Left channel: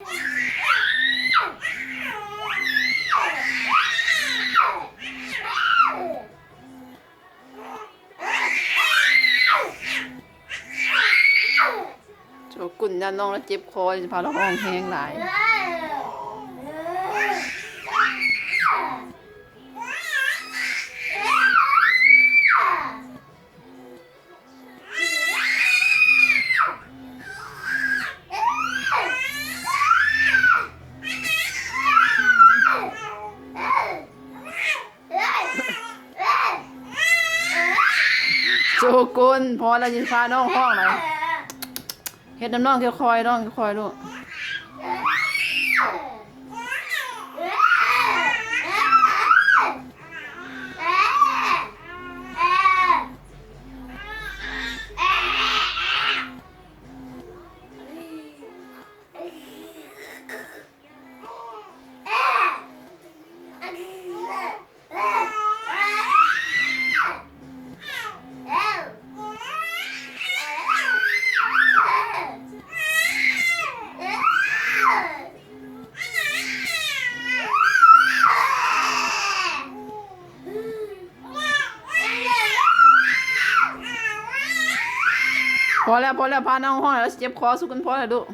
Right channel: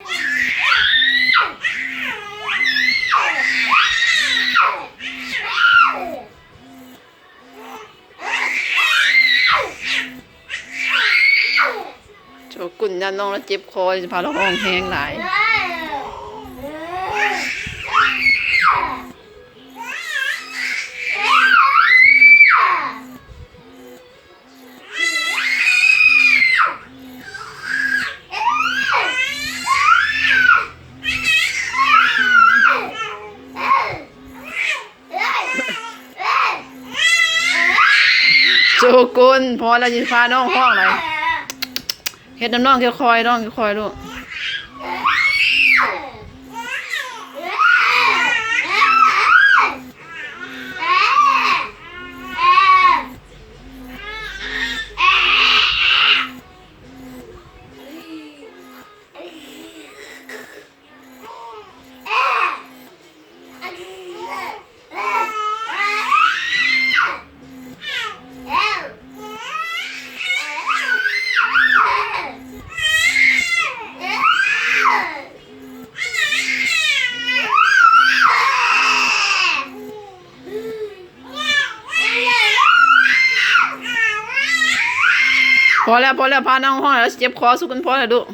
โชกุนยันน้องแล้วเจ็บคอจะพาเราห้องแห้งหลายโชกุนพอแล้วจะพาน้องห้องไหนเฮ็ดน้ำน้องคอยน้องคอยลูกพอแล้วพาน้องห้องแล้วเจ็บคอสุกันพอแล้วลูก